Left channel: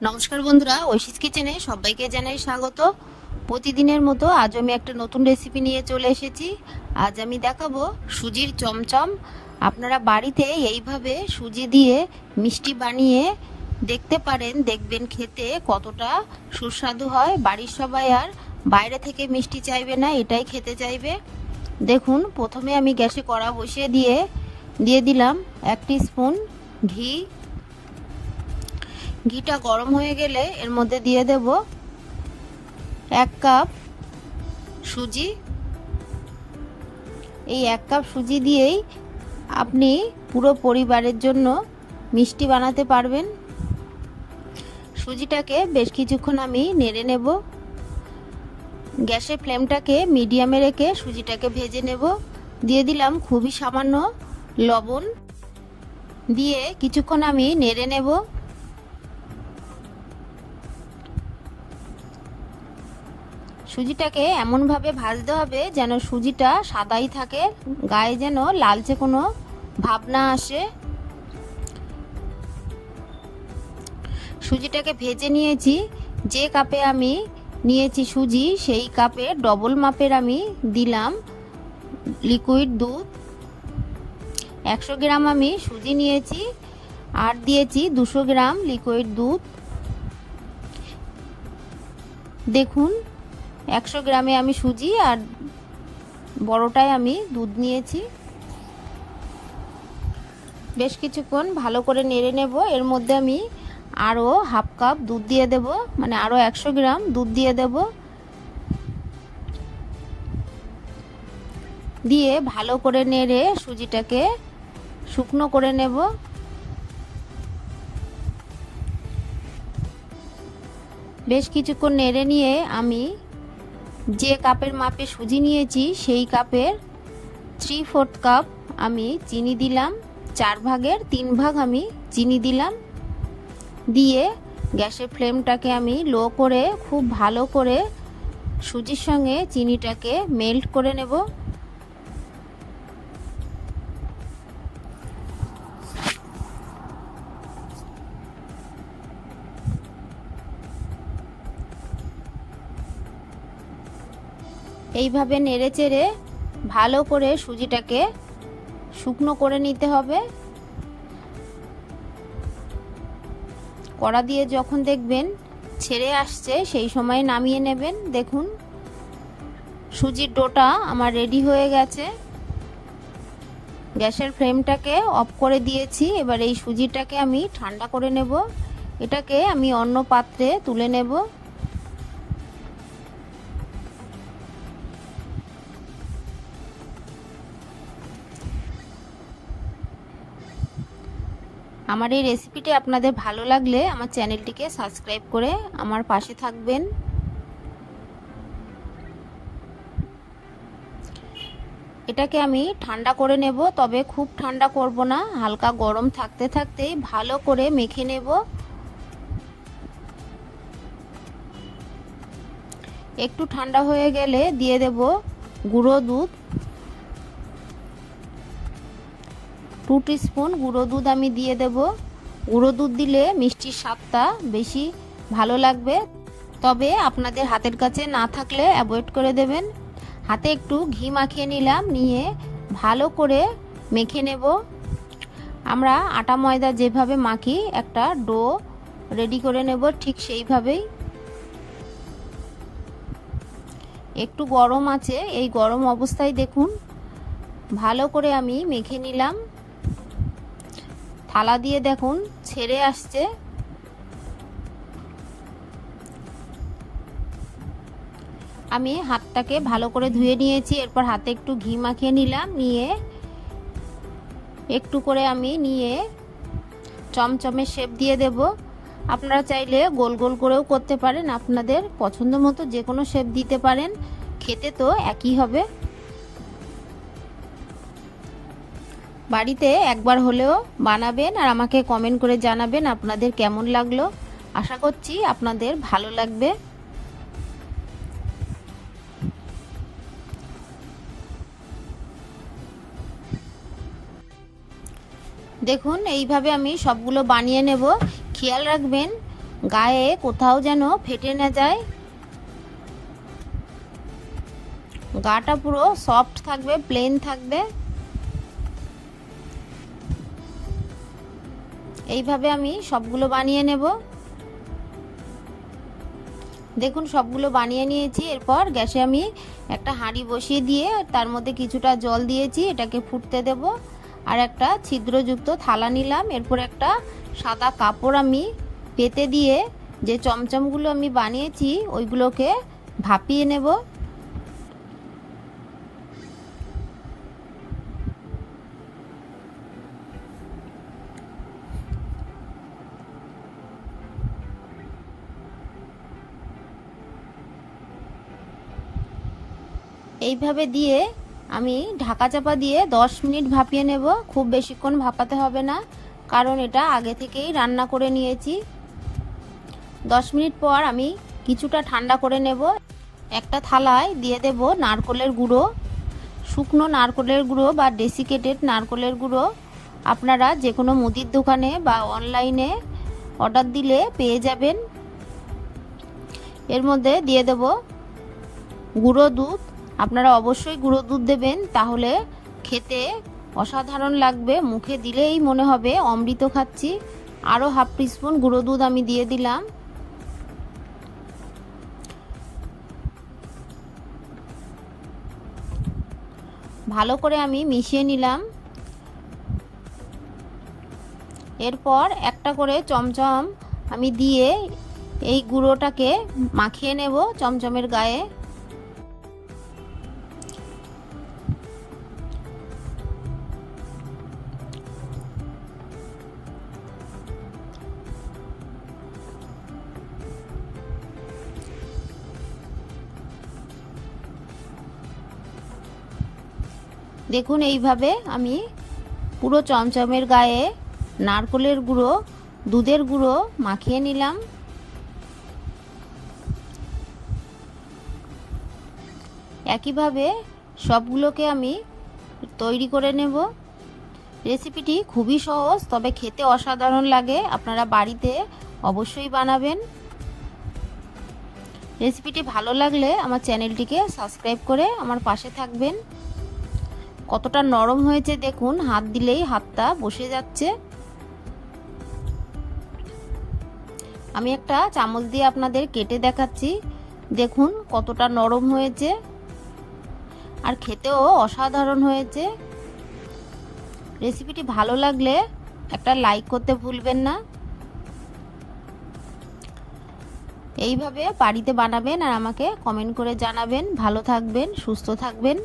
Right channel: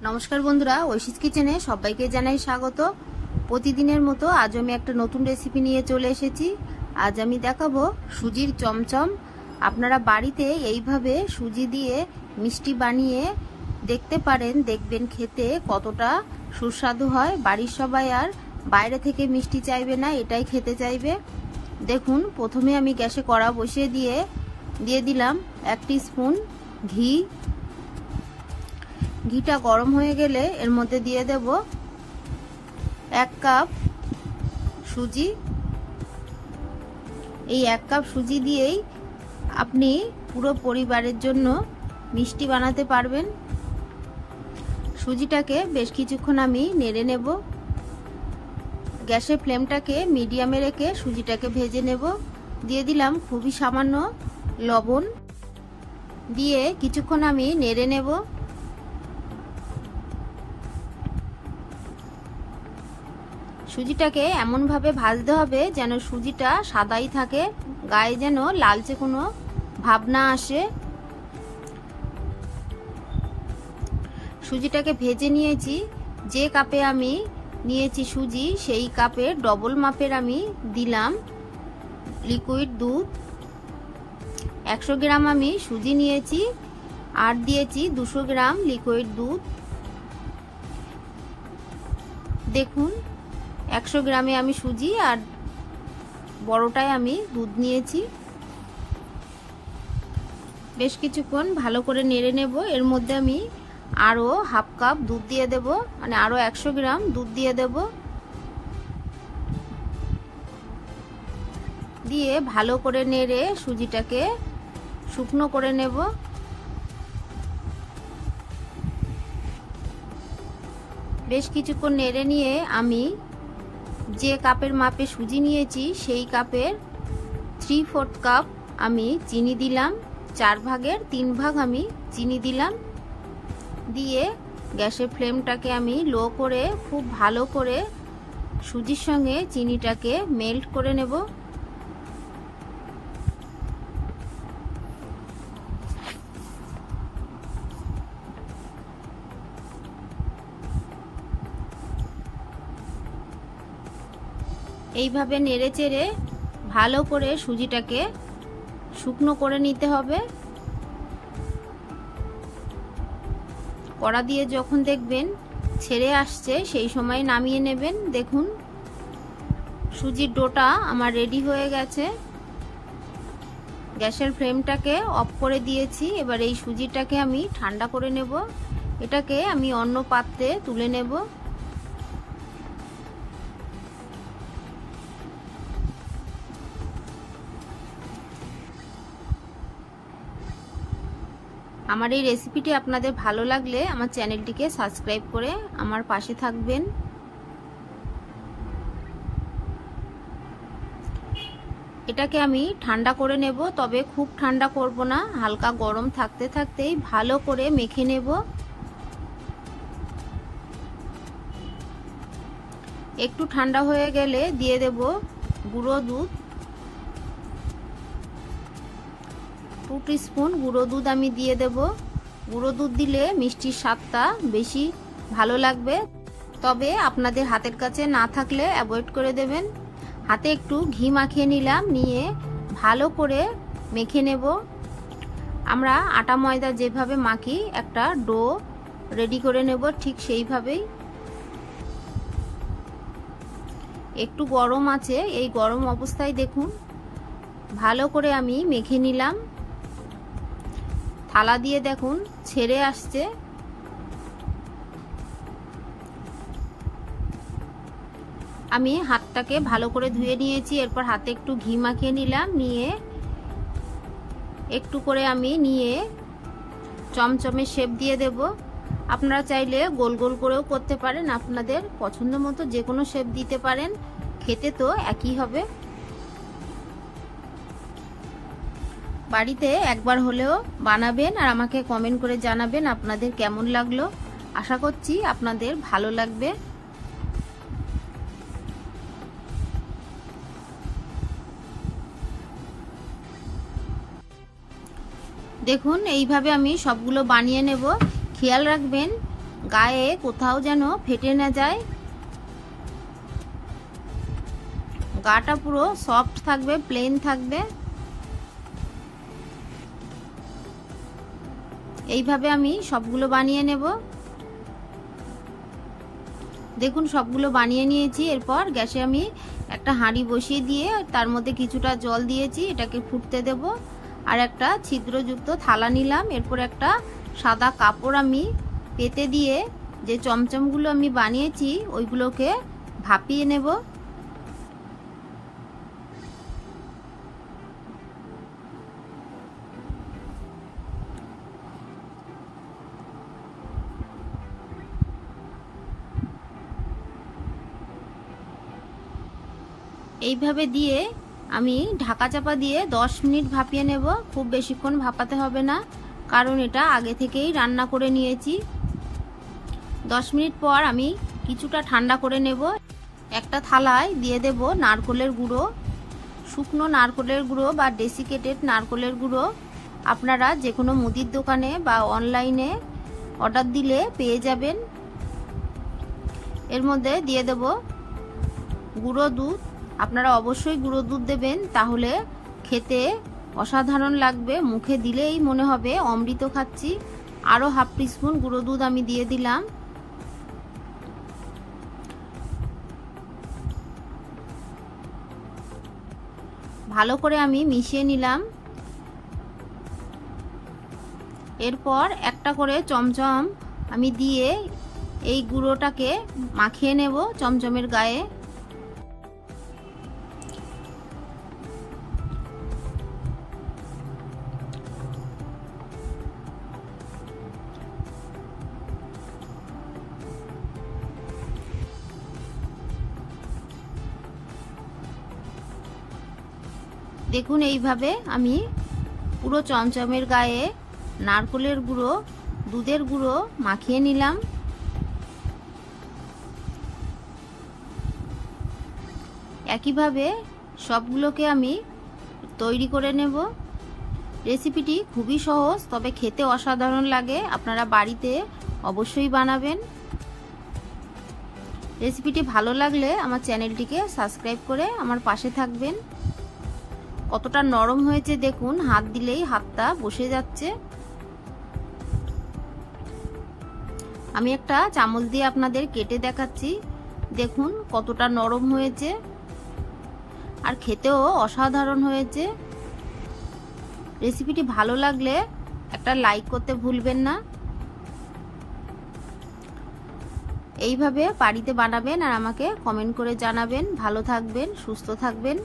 নমস্কার বন্ধুরা, ঐশীস কিচেনে সবাইকে জানাই স্বাগত। প্রতিদিনের মতো আজ আমি একটা নতুন রেসিপি নিয়ে চলে এসেছি। আজ আমি দেখাবো সুজির চমচম। আপনারা বাড়িতে এইভাবে সুজি দিয়ে মিষ্টি বানিয়ে দেখতে পারেন, দেখবেন খেতে কতটা সুস্বাদু হয়। বাড়ির সবাই আর বাইরে থেকে মিষ্টি চাইবে না, এটাই খেতে চাইবে। দেখুন, প্রথমে আমি গ্যাসে কড়া বসিয়ে দিয়ে দিলাম 1 টিস্পুন ঘি। ঘিটা গরম হয়ে গেলে এর মধ্যে দিয়ে দেব 1 কাপ সুজি। এই 1 কাপ সুজি দিয়েই আপনি পুরো পরিবারের জন্য মিষ্টি বানাতে পারবেন। সুজিটাকে বেশ কিছুক্ষণ আমি নেড়ে নেব। গ্যাসের ফ্লেমটাকে মিডিয়ামে রেখে সুজিটাকে ভেজে নেব। দিয়ে দিলাম খুবই সামান্য লবণ, দিয়ে কিছুক্ষণ আমি নেড়ে নেব। সুজিটাকে এমনভাবে ভাজতে হবে যেন সুজিটা সাদাই থাকে, গায়ে যেন লালচে কোনো ভাব না আসে। সুজিটাকে ভেজে নিয়েছি। যে কাপে আমি নিয়েছি সুজি, সেই কাপের ডবল মাপের আমি দিলাম লিকুইড দুধ। 100 গ্রাম আমি সুজি নিয়েছি আর দিয়েছি 200 গ্রাম লিকুইড দুধ। দেখুন, 100 গ্রামে আমি সুজি আর বড়টায় আমি দুধ নিয়েছি। বেশ কিছুক্ষণ ভালো করে নেড়ে নেব। এর মধ্যে আমি আরো হাফ কাপ দুধ দিয়ে দেব, মানে আরো 100 গ্রাম দুধ দিয়ে দেব। দিয়ে ভালো করে নেড়ে সুজিটাকে শুকনো করে নেব। বেশ কিছুক্ষণ নেড়ে নিয়ে আমি যে কাপের মাপে সুজি নিয়েছি সেই কাপের 3/4 কাপ আমি চিনি দিলাম। 4 ভাগের 3 ভাগ আমি চিনি দিলাম। দিয়ে গ্যাসের ফ্লেমটাকে আমি লো করে খুব ভালো করে সুজির সঙ্গে চিনিটাকে মেল্ট করে নেব। এইভাবে নেড়ে চেড়ে ভালো করে সুজিটাকে শুকনো করে নিতে হবে। কড়া দিয়ে যখন দেখবেন ছেড়ে আসছে সেই সময় নামিয়ে নেবেন। দেখুন, সুজির ডোটা আমার রেডি হয়ে গেছে। গ্যাসের ফ্লেমটাকে অফ করে দিয়েছি। এবার এই সুজিটাকে আমি ঠান্ডা করে নেব। এটাকে আমি অন্য পাত্রে তুলে নেব। আমার এই রেসিপিটি আপনাদের ভালো লাগলে আমার চ্যানেলটিকে সাবস্ক্রাইব করে আমার পাশে থাকবেন। এটাকে আমি ঠান্ডা করে নেব, তবে খুব ঠান্ডা করব না, হালকা গরম থাকতে থাকতেই ভালো করে মেখে নেব। একটু ঠান্ডা হয়ে গেলে দিয়ে দেব গুঁড়ো দুধ। 2 টিস্পুন গুঁড়ো দুধ আমি দিয়ে দেব। গুঁড়ো দুধ দিলে মিষ্টির স্বাদটা বেশি ভালো লাগবে, তবে আপনাদের হাতের কাছে না থাকলে অ্যাভয়েড করে দেবেন। হাতে একটু ঘি মাখিয়ে নিলাম, নিয়ে ভালো করে মেখে নেব। আমরা আটা ময়দা যেভাবে মাখি একটা ডো রেডি করে নেব, ঠিক সেইভাবেই। একটু গরম আছে, এই গরম অবস্থায় দেখুন ভালো করে আমি মেখে নিলাম। থালা দিয়ে দেখুন ছেড়ে আসছে। আমি হাতটাকে ভালো করে ধুয়ে নিয়েছি। এরপর হাতে একটু ঘি মাখিয়ে নিলাম, নিয়ে একটু করে আমি নিয়ে চমচমে শেপ দিয়ে দেব। আপনারা চাইলে গোল গোল করেও করতে পারেন, আপনাদের পছন্দ মতো যে কোনো শেপ দিতে পারেন, খেতে তো একই হবে। বাড়িতে একবার হলেও বানাবেন আর আমাকে কমেন্ট করে জানাবেন আপনাদের কেমন লাগলো। আশা করছি আপনাদের ভালো লাগবে। দেখুন, এইভাবে আমি সবগুলো বানিয়ে নেব। খেয়াল রাখবেন গায়ে কোথাও যেন ফেটে না যায়। গাটা পুরো সফট থাকবে, প্লেন থাকবে। এইভাবে আমি সবগুলো বানিয়ে নেব। দেখুন সবগুলো বানিয়ে নিয়েছি। এরপর গ্যাসে আমি একটা হাঁড়ি বসিয়ে দিয়ে তার মধ্যে কিছুটা জল দিয়েছি, এটাকে ফুটতে দেব। আর একটা ছিদ্রযুক্ত থালা নিলাম। এরপর একটা সাদা কাপড় আমি পেতে দিয়ে যে চমচমগুলো আমি বানিয়েছি ওইগুলোকে ভাপিয়ে নেব। এইভাবে দিয়ে আমি ঢাকা চাপা দিয়ে 10 মিনিট ভাপিয়ে নেব। খুব বেশিক্ষণ ভাপাতে হবে না, কারণ এটা আগে থেকেই রান্না করে নিয়েছি। 10 মিনিট পর আমি কিছুটা ঠান্ডা করে নেব। একটা থালায় দিয়ে দেব নারকেলের গুঁড়ো, শুকনো নারকেলের গুঁড়ো বা ডেসিকেটেড নারকেলের গুঁড়ো। আপনারা যে কোনো মুদির দোকানে বা অনলাইনে অর্ডার দিলে পেয়ে যাবেন। এর মধ্যে দিয়ে দেব গুঁড়ো দুধ। আপনারা অবশ্যই গুঁড়ো দুধ দেবেন, তাহলে খেতে অসাধারণ লাগবে, মুখে দিলেই মনে হবে অমৃত খাচ্ছি। আরও হাফ টিস্পুন গুঁড়ো দুধ আমি দিয়ে দিলাম। ভালো করে আমি মিশিয়ে নিলাম। এরপর একটা করে চমচম আমি দিয়ে এই গুঁড়োটাকে মাখিয়ে নেব চমচমের গায়ে। দেখুন এইভাবে আমি পুরো চমচমের গায়ে নারকেলের গুঁড়ো, দুধের গুঁড়ো মাখিয়ে নিলাম। একইভাবে সবগুলোকে আমি তৈরি করে নেব। রেসিপিটি খুবই সহজ, তবে খেতে অসাধারণ লাগে। আপনারা বাড়িতে অবশ্যই বানাবেন। রেসিপিটি ভালো লাগলে আমার চ্যানেলটিকে সাবস্ক্রাইব করে আমার পাশে থাকবেন। কতটা নরম হয়েছে দেখুন, হাত দিলেই হাতটা বসে যাচ্ছে। আমি একটা চামচ দিয়ে আপনাদের কেটে দেখাচ্ছি। দেখুন কতটা নরম হয়েছে, আর খেতেও অসাধারণ হয়েছে। রেসিপিটি ভালো লাগলে একটা লাইক করতে ভুলবেন না। এইভাবে বাড়িতে বানাবেন আর আমাকে কমেন্ট করে জানাবেন। ভালো থাকবেন, সুস্থ থাকবেন।